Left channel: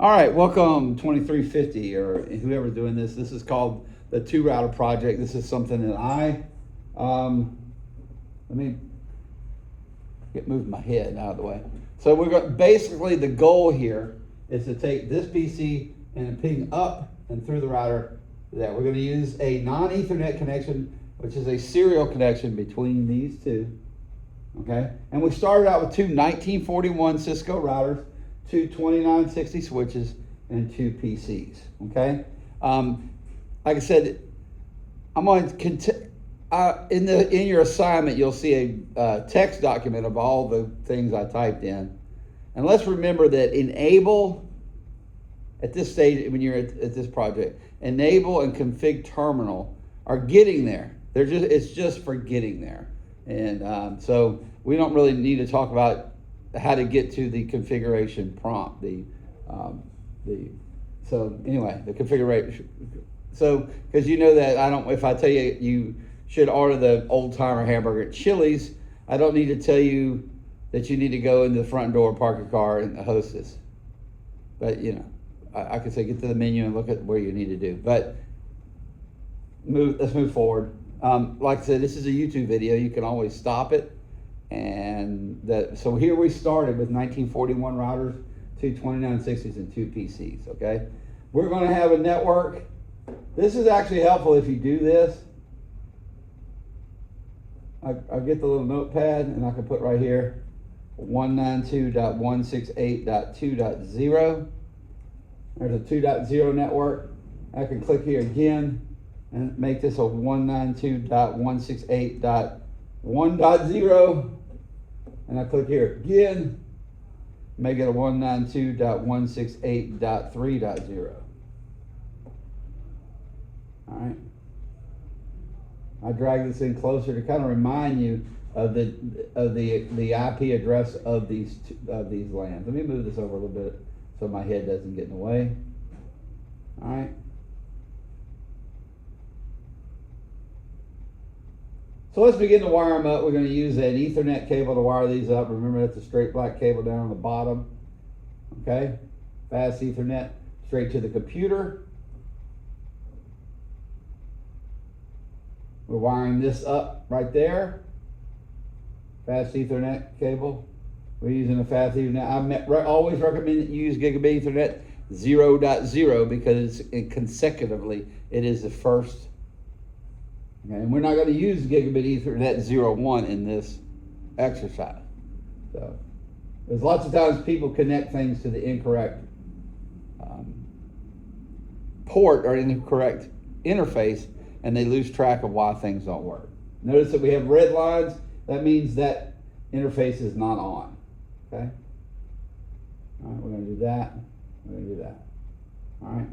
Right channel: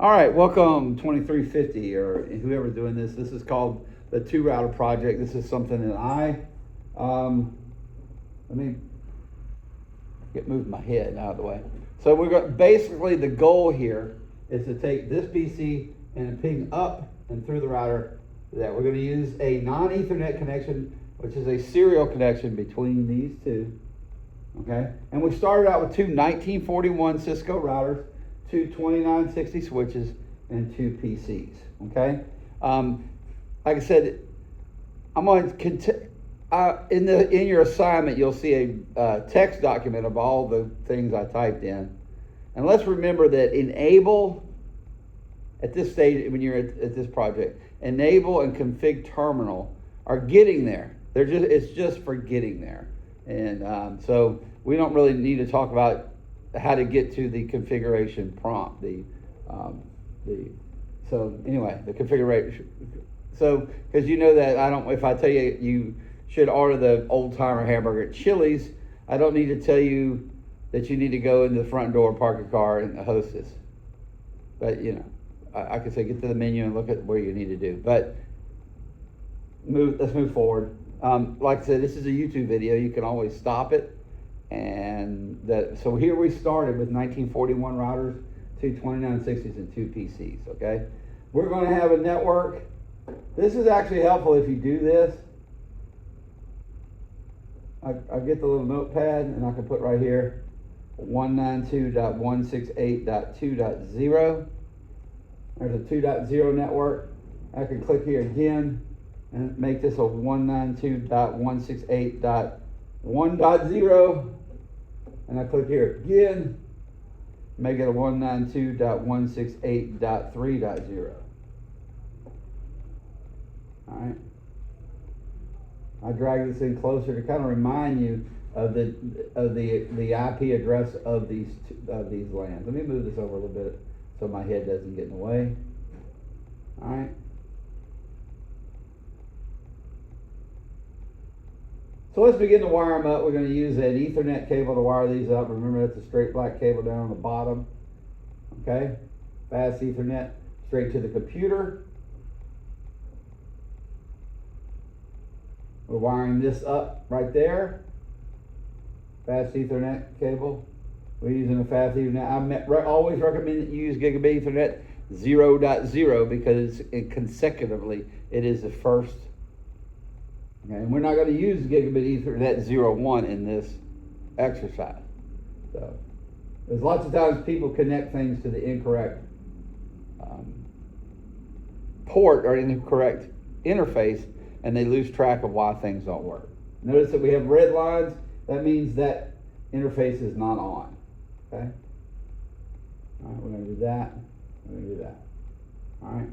All right, welcome 2350 or whoever's doing this. This is called the Router Project. This is something that let me move my head out of the way. So we're going, basically the goal here is to take this PC and ping up and through the router. That we're going to use a non-Ethernet connection, which is a serial connection between these two. Okay, and we started out with two 1941 Cisco routers, two 2960 switches, and two PCs. Okay, like I said, I'm going to in your assignment you'll see a text document of all the things I typed in, and let's remember that enable at this stage when you're at this project, enable and config terminal are getting there. It's just for getting there, and so we don't really need to talk about how to get to the configuration prompt. So anyway, the configuration. So because you know that if I tell you you should order the old timer hamburger at Chili's, I don't need to tell you that you need to go into the front door, park your car, and host this. But you know, I could say get to the menu and look at where you need to do. But let's move forward. Like I said, this is a YouTube video. You can always stop it. And so here we started with 1941 routers, two 2960s, and two PCs. Okay, we're going to have a network. This is actually helpful if you do this. I get the little notepad and I can put right here 192.168.2.0. There's a 2.0 network. I can click here again and make this a 192.168.1.0. And I click here again, make it a 192.168.3.0. All right. I drag this in closer to kind of remind you of the IP address of these LANs. Let me move this over a little bit so my head doesn't get in the way. All right. So let's begin to wire them up. We're going to use an Ethernet cable to wire these up. Remember, that's a straight black cable down on the bottom. Okay, fast Ethernet straight to the computer. We're wiring this up right there. Fast Ethernet cable. We're using a fast Ethernet. I always recommend that you use Gigabit Ethernet 0.0 because consecutively it is the first. Okay, and we're not going to use Gigabit Ethernet 0.1 in this exercise. So there's lots of times people connect things to the incorrect port or incorrect interface, and they lose track of why things don't work. Notice that we have red lines. That means that interface is not on. Okay. All right, we're going to do that. We're going to do that. All right.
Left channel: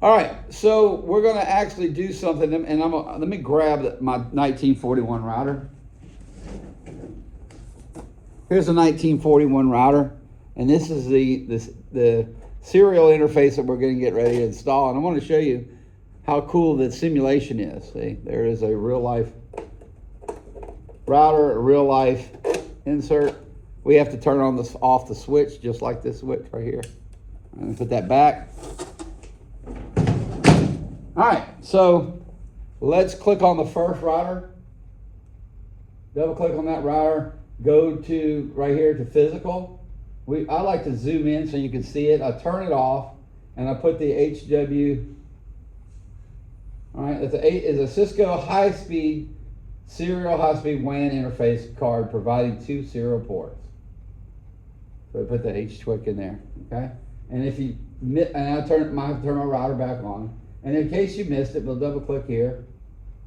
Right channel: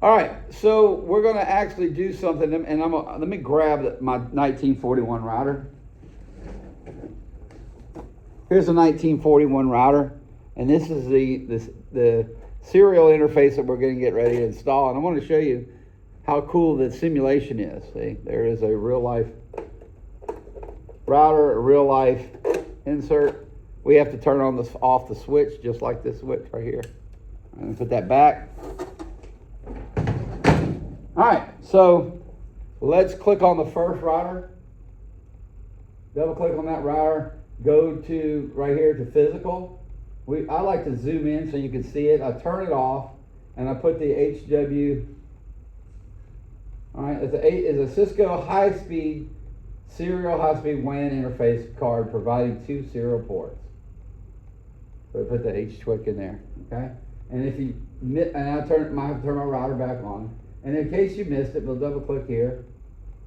All right, so we're going to actually do something, and let me grab my 1941 router. Here's a 1941 router, and this is the serial interface that we're going to get ready to install. And I want to show you how cool the simulation is. See, there is a real life router, a real life insert. We have to turn on off the switch, just like this switch right here. And put that back. All right, so let's click on the first router. Double click on that router. Go to right here to physical. I like to zoom in so you can see it. I turn it off and I put the HW. All right, it's a Cisco high-speed serial high-speed WAN interface card providing two serial ports. So I put the HTWIC in there. Okay, and I'll turn my router back on. And in case you missed it, we'll double click here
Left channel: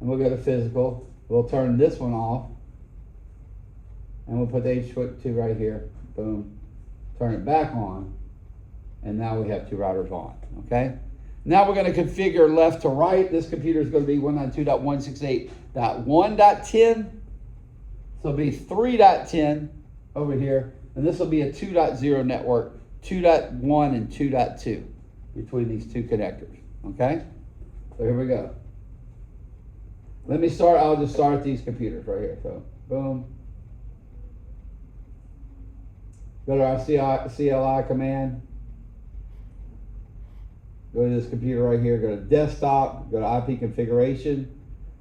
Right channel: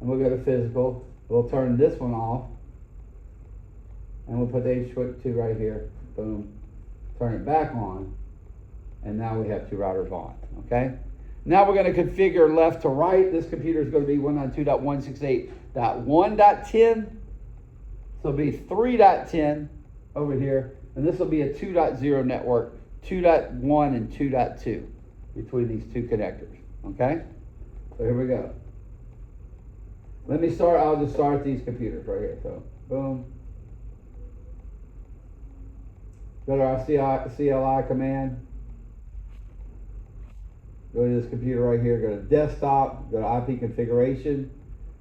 and we'll go to physical. We'll turn this one off and we'll put the HTWIC2 right here. Boom. Turn it back on. And now we have two routers on. Okay. Now we're going to configure left to right. This computer is going to be 192.168.1.10. So it'll be 3.10 over here. And this will be a 2.0 network, 2.1 and 2.2 between these two connectors. Okay, so here we go. Let me start. I'll just start these computers right here. So, boom. Go to our CLI command. Go to this computer right here, go to desktop, go to IP configuration,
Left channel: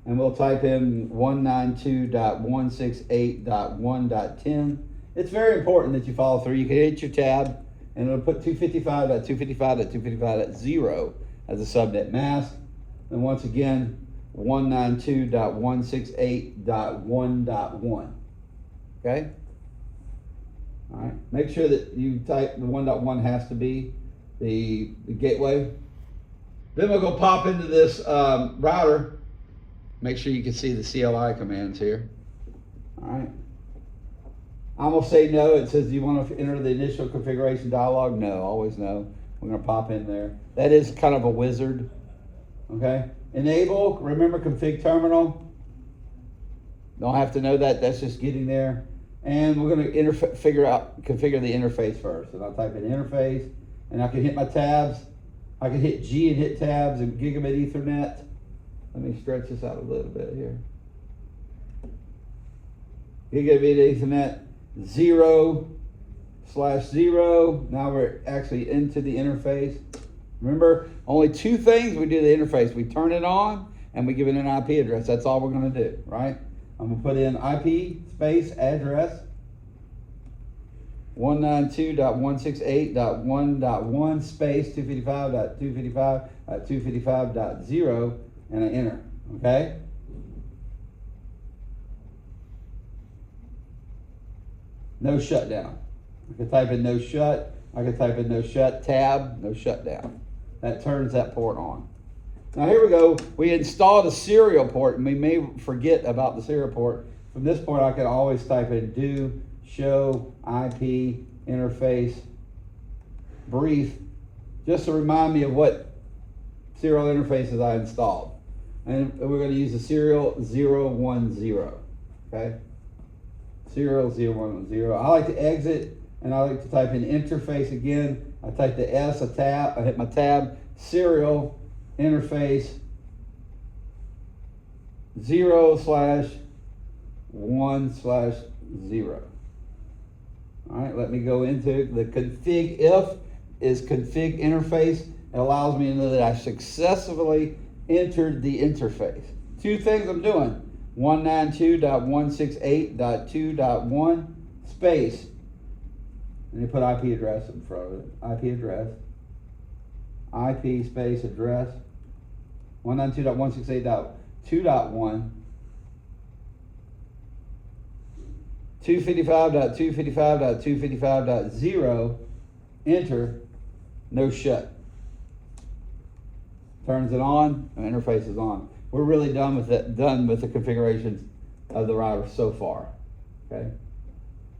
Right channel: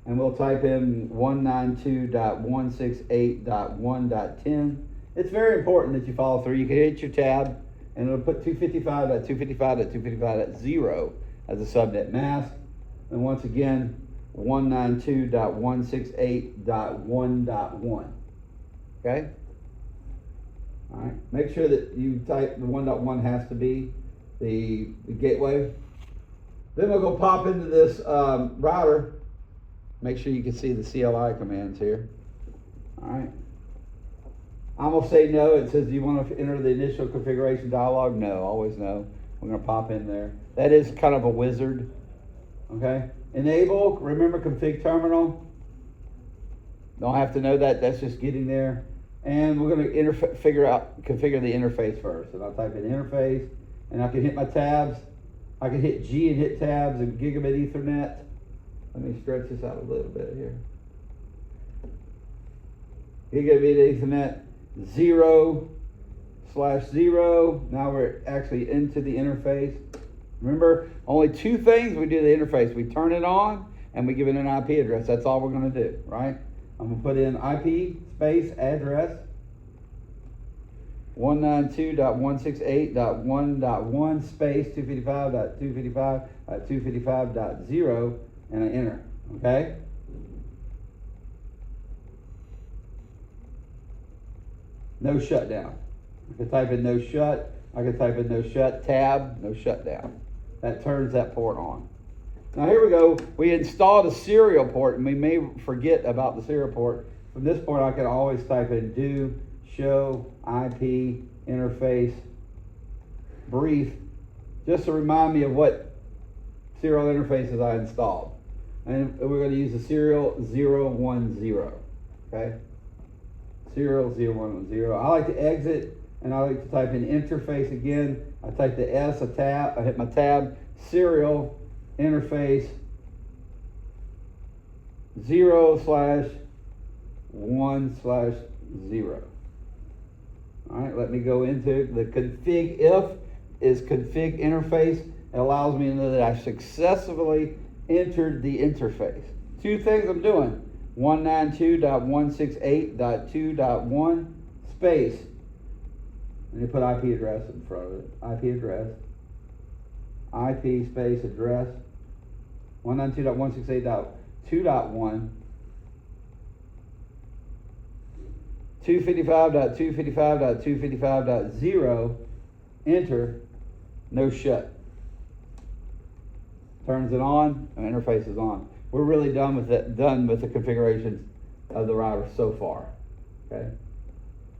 and we'll type in 192.168.1.10. It's very important that you follow through. You can hit your tab, and it'll put 255.255.255.0 as a subnet mask. And once again, 192.168.1.1. Okay? All right. Make sure that you type the 1.1 has to be the gateway. Then we'll go pop into this router. Make sure you can see the CLI commands here. All right. I'm gonna say no. It says, do you want to enter the initial configuration dialog? No, always no. We're gonna pop in there. That is kind of a wizard. Okay. Enable, remember config terminal. Don't have to know that, that's just getting there. And we're gonna configure the interface first. And I'll type in interface, and I can hit my tabs. I can hit G and hit tabs and gigabit Ethernet. Let me stretch this out a little bit here. Gigabit Ethernet 0/0. Now we're actually into the interface. Remember, only two things we do the interface. We turn it on and we give it an IP address. That's all we're gonna do, right? I'm gonna put in IP space address 192.168.1.1 space 255.255.255.0 and I enter, okay? No shutdown. I can type in no shut. I can type in no shut tab, no shutdown. That turns that port on. Now here we go. We installed a serial port and we may forget about the serial port. From this port I can always type in do show IP interface brief just to remind me of what serial interfaces I installed. And we're going to use the serial 010. Okay? Serial 010. I like to exit and I like to type in interface again. I type the S, a tab, I hit my tab, serial interface 0/1/0. All right, let me go into the config. If is config interface. It allows me to know that I successfully entered the interface. Two things I'm doing. 192.168.2.1 space. And you put IP address in front of it. IP address. IP space address. 192.168.2.1. 255.255.255.0. Enter. No shut. Turns it on, and the interface is on. We're really done with it, done with the configurations of the router so far. Okay.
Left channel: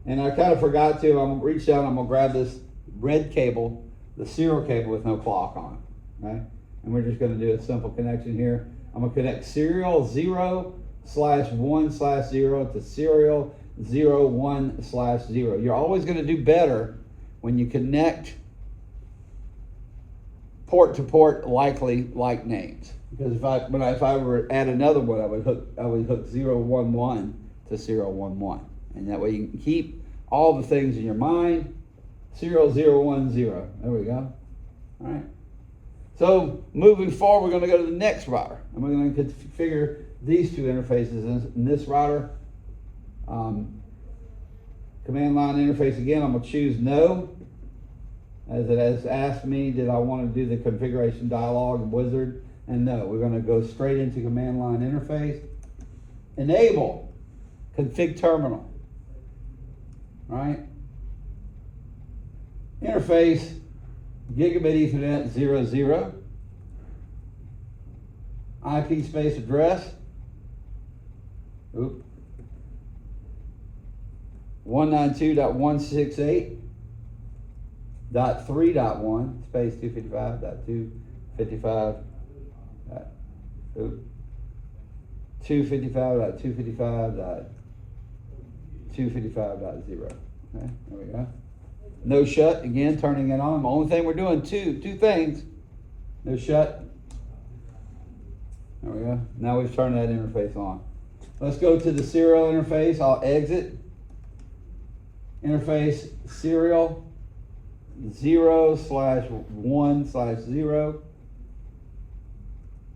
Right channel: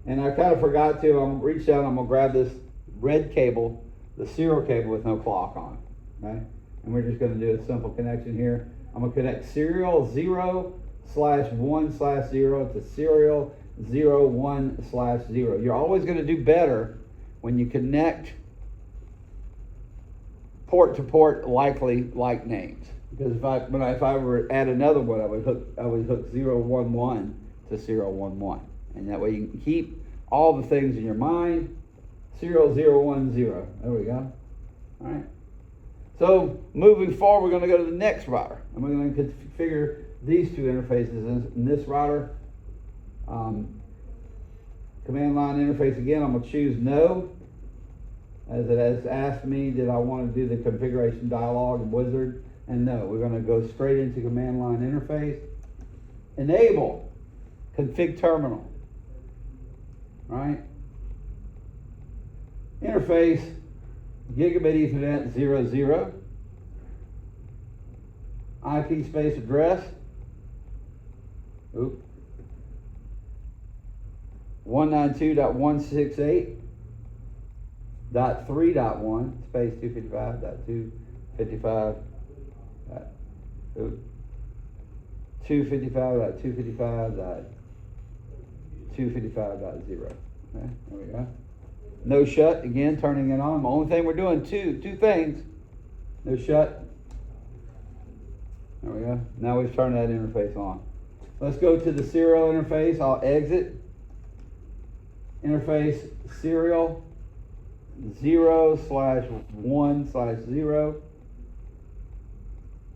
And I kind of forgot to, I'm gonna reach down, I'm gonna grab this red cable, the serial cable with no clock on. Okay. And we're just gonna do a simple connection here. I'm gonna connect serial 0/1/0 to serial 0/1/0. You're always gonna do better when you connect port to port likely like names. Because if I were to add another one, I would hook 011 to 011. And that way you can keep all the things in your mind. Serial 010. There we go. All right. So moving forward, we're going to go to the next router. And we're going to configure these two interfaces in this router. Command line interface again, I'm going to choose no. As it has asked me, did I want to do the configuration dialog and wizard? And no, we're going to go straight into command line interface. Enable config terminal. Right? Interface gigabit Ethernet 00. IP space address. 192.168.3.1 space 255.255. 255.255.255.0. Okay, there we go. No shut, again, turning it on. The only thing we're doing, two things. No shut. There we go. Now we've turned that interface on. Let's go to the serial interface. I'll exit. interface serial 0/1/0.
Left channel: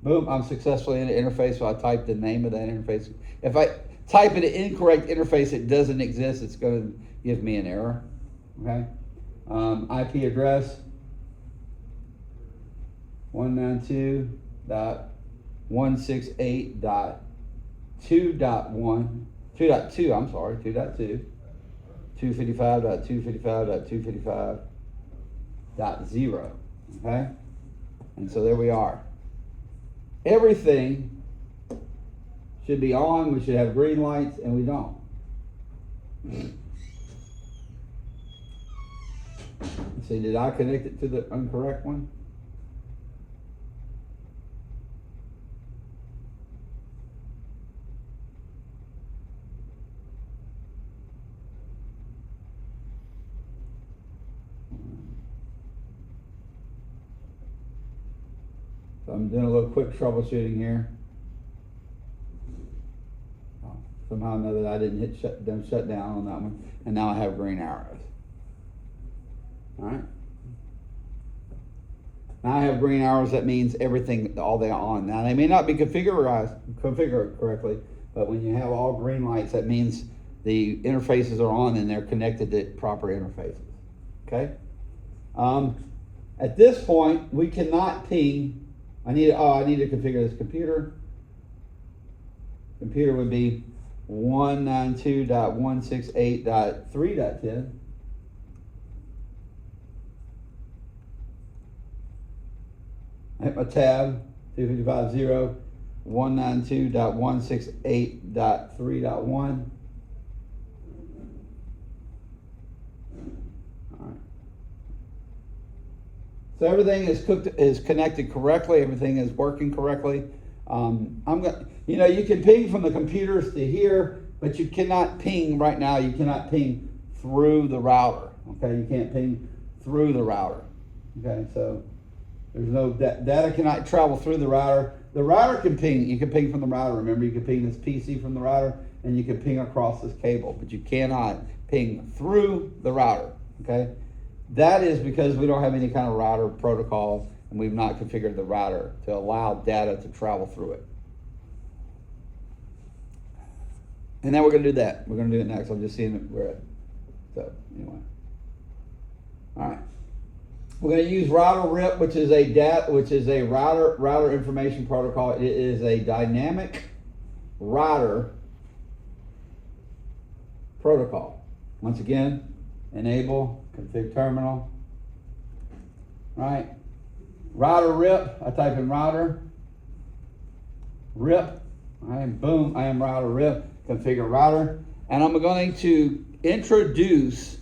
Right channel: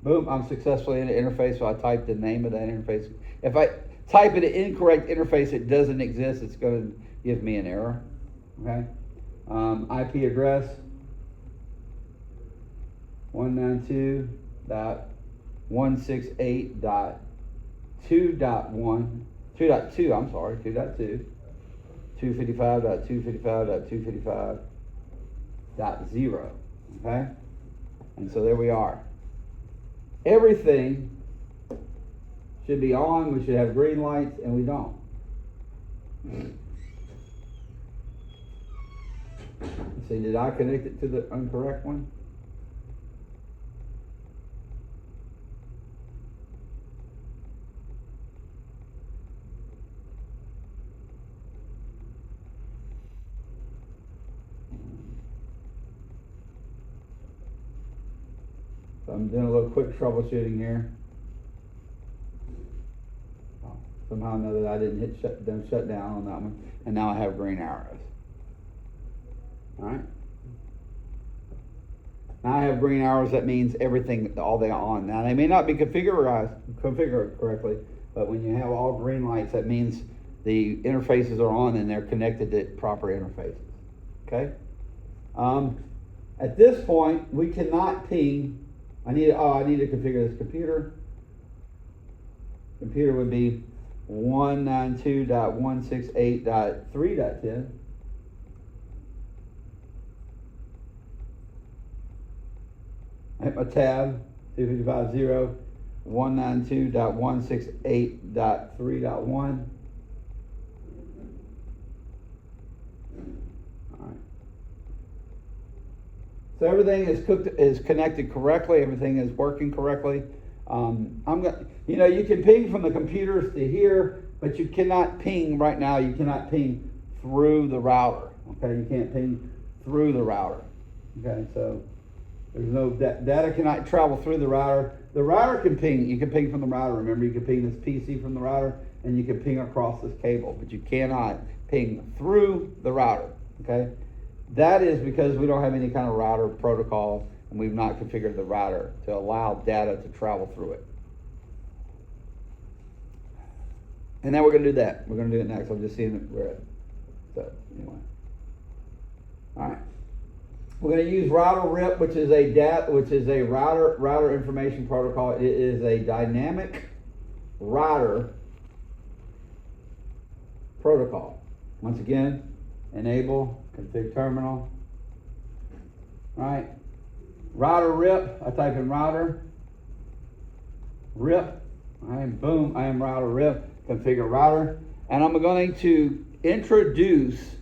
Boom, I'm successfully in the interface, so I typed the name of that interface. If I type in an incorrect interface, it doesn't exist, it's going to give me an error. Okay. IP address 192.168.2.1, 2.2, I'm sorry, 2.2, 255.255.255.0, okay? And so there we are. Everything should be on, we should have green lights, and we don't. See, did I connect it to the incorrect one? So I'm doing a little quick troubleshooting here. Somehow I know that I didn't hit shut down on that one, and now I have green arrows. All right. Now I have green arrows. That means everything, all they are on. Now they may not be configured correctly, but when you have all green lights, that means the interfaces are on and they're connected to proper interfaces. Okay. At this point, we cannot ping. I need to configure this computer. Computer would be 192.168.3.10. Hit my tab, 255.0, 192.168.3.1. So everything is connected correctly. Everything is working correctly. You can ping from the computers to here, but you cannot ping right now. You cannot ping through the router. Okay, you can't ping through the router. Okay, so there's no data cannot travel through the router. The router can ping. You can ping from the router. Remember, you can ping this PC from the router, and you can ping across this cable, but you cannot ping through the router. Okay. That is because we don't have any kind of router protocol, and we've not configured the router to allow data to travel through it. And then we're going to do that. We're going to do it next. I'm just seeing it where it. So anyway, all right. We're going to use router RIP, which is a router information protocol. It is a dynamic router protocol. Once again, enable config terminal. All right. Router RIP. I type in router RIP. And boom, I am router RIP. Configure router. And I'm going to introduce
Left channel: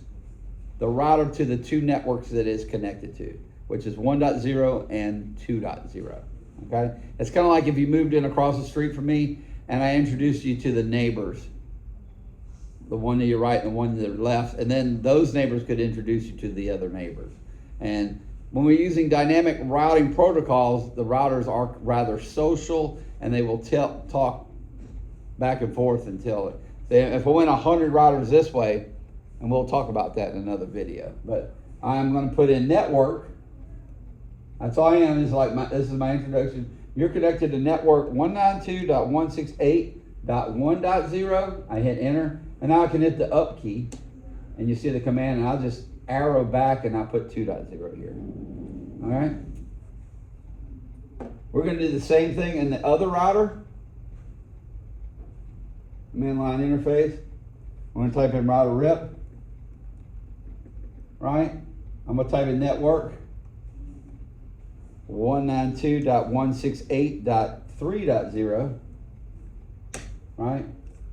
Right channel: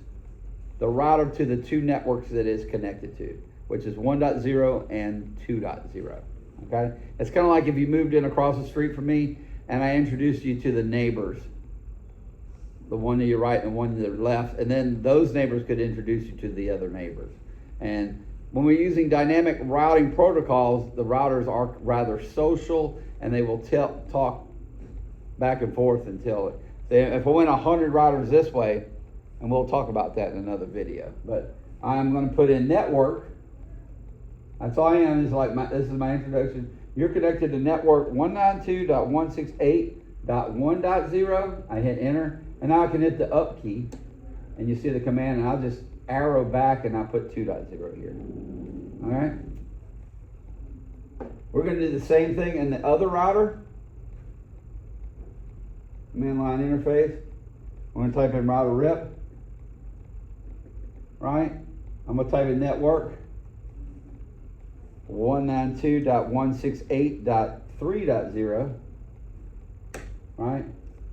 the router to the two networks that it's connected to, which is 1.0 and 2.0. Okay? It's kind of like if you moved in across the street from me and I introduced you to the neighbors, the one to your right and the one to the left, and then those neighbors could introduce you to the other neighbors. And when we're using dynamic routing protocols, the routers are rather social, and they will talk back and forth until if I went 100 routers this way, and we'll talk about that in another video. But I'm going to put in network. That's all I am. Is like this is my introduction. You're connected to network 192.168.1.0. I hit enter, and now I can hit the up key, and you see the command, and I'll just arrow back, and I'll put 2.0 here. All right. We're going to do the same thing in the other router. Command line interface. I'm going to type in router RIP. Right? I'm going to type in network 192.168.3.0. Right?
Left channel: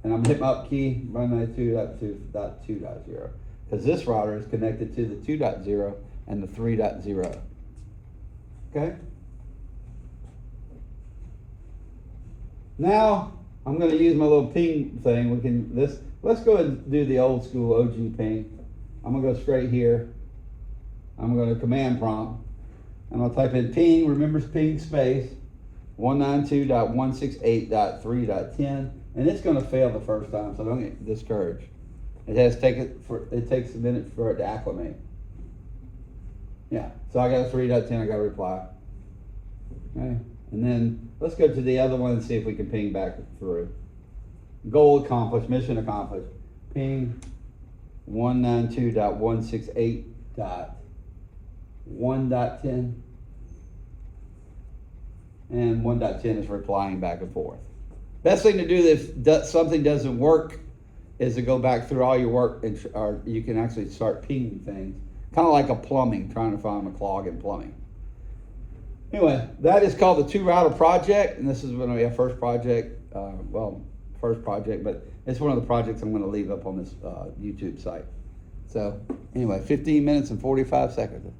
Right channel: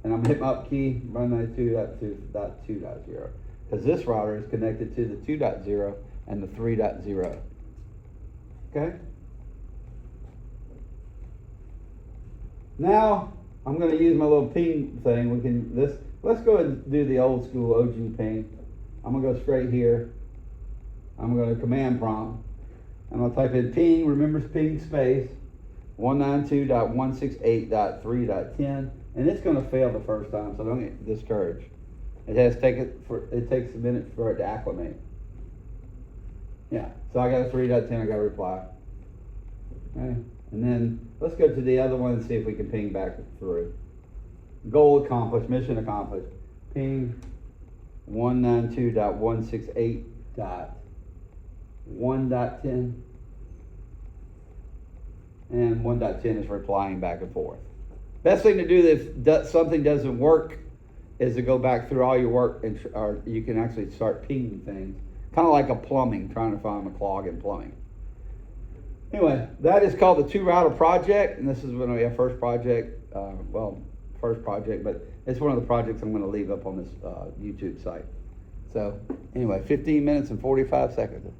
And I'm going to hit my up key, 192.2.2.0. Because this router is connected to the 2.0 and the 3.0. Okay? Now, I'm going to use my little ping thing. Let's go ahead and do the old school OG ping. I'm going to go straight here. I'm going to command prompt. I'm going to type in ping, remember ping space, 192.168.3.10, and it's going to fail the first time, so don't get discouraged. It takes a minute for it to acclimate. Yeah, so I got a 3.10, I got a reply. Okay, and then let's go to the other one and see if we can ping back through. Goal accomplished, mission accomplished. Ping 192.168.1.10. And 1.10 is replying back and forth. Best thing to do if something doesn't work is to go back through all your work, or you can actually start pinging things. Kind of like a plumbing, trying to find a clog in plumbing. Anyway, that is called the Router Project, and this is going to be our first project. But it's one of the projects I'm going to leave up on this YouTube site. So anyway, 15 minutes and 45 seconds.